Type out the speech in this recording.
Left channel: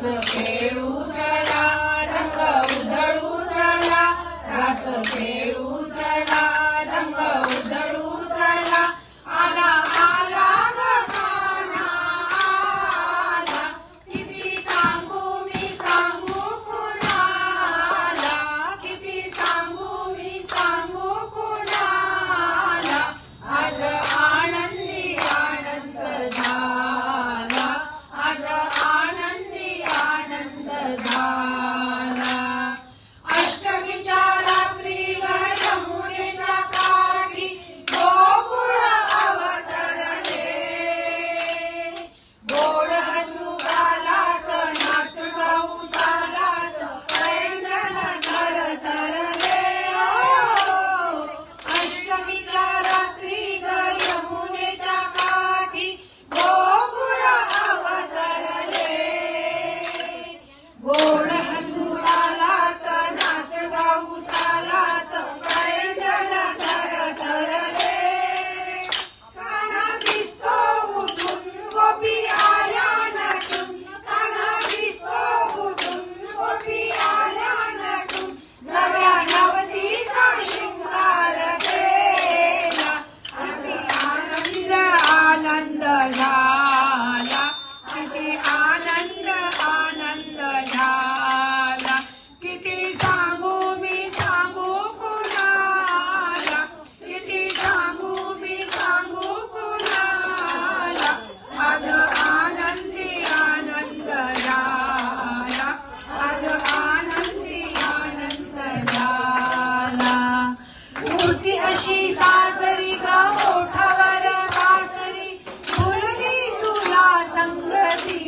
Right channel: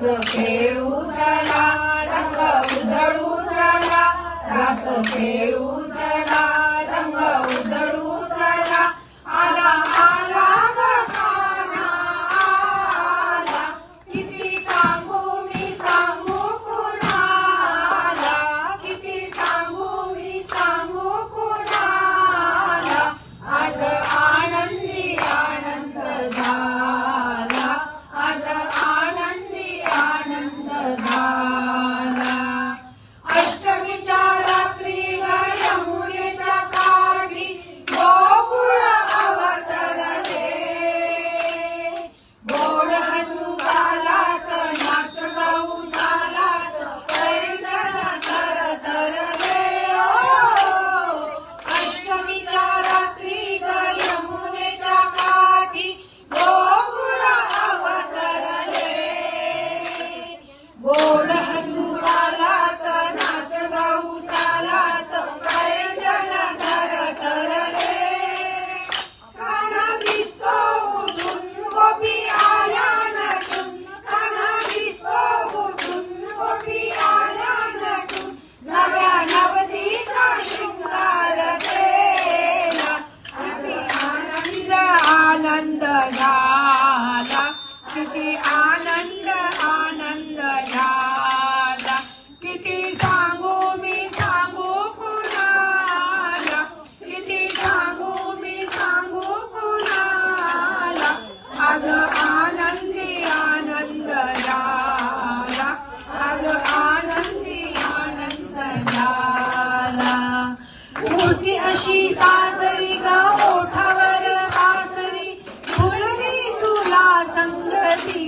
रास खेळू चला रंग उधळू चला रास खेळू माझे आनंद आनंद झाला. किती सांगू मी सांगू कुणाला? किती सांगू मी सांगू कुणाला? आज आनंदी आनंद झाला. आज आनंदी आनंद झाला. होती अशी You.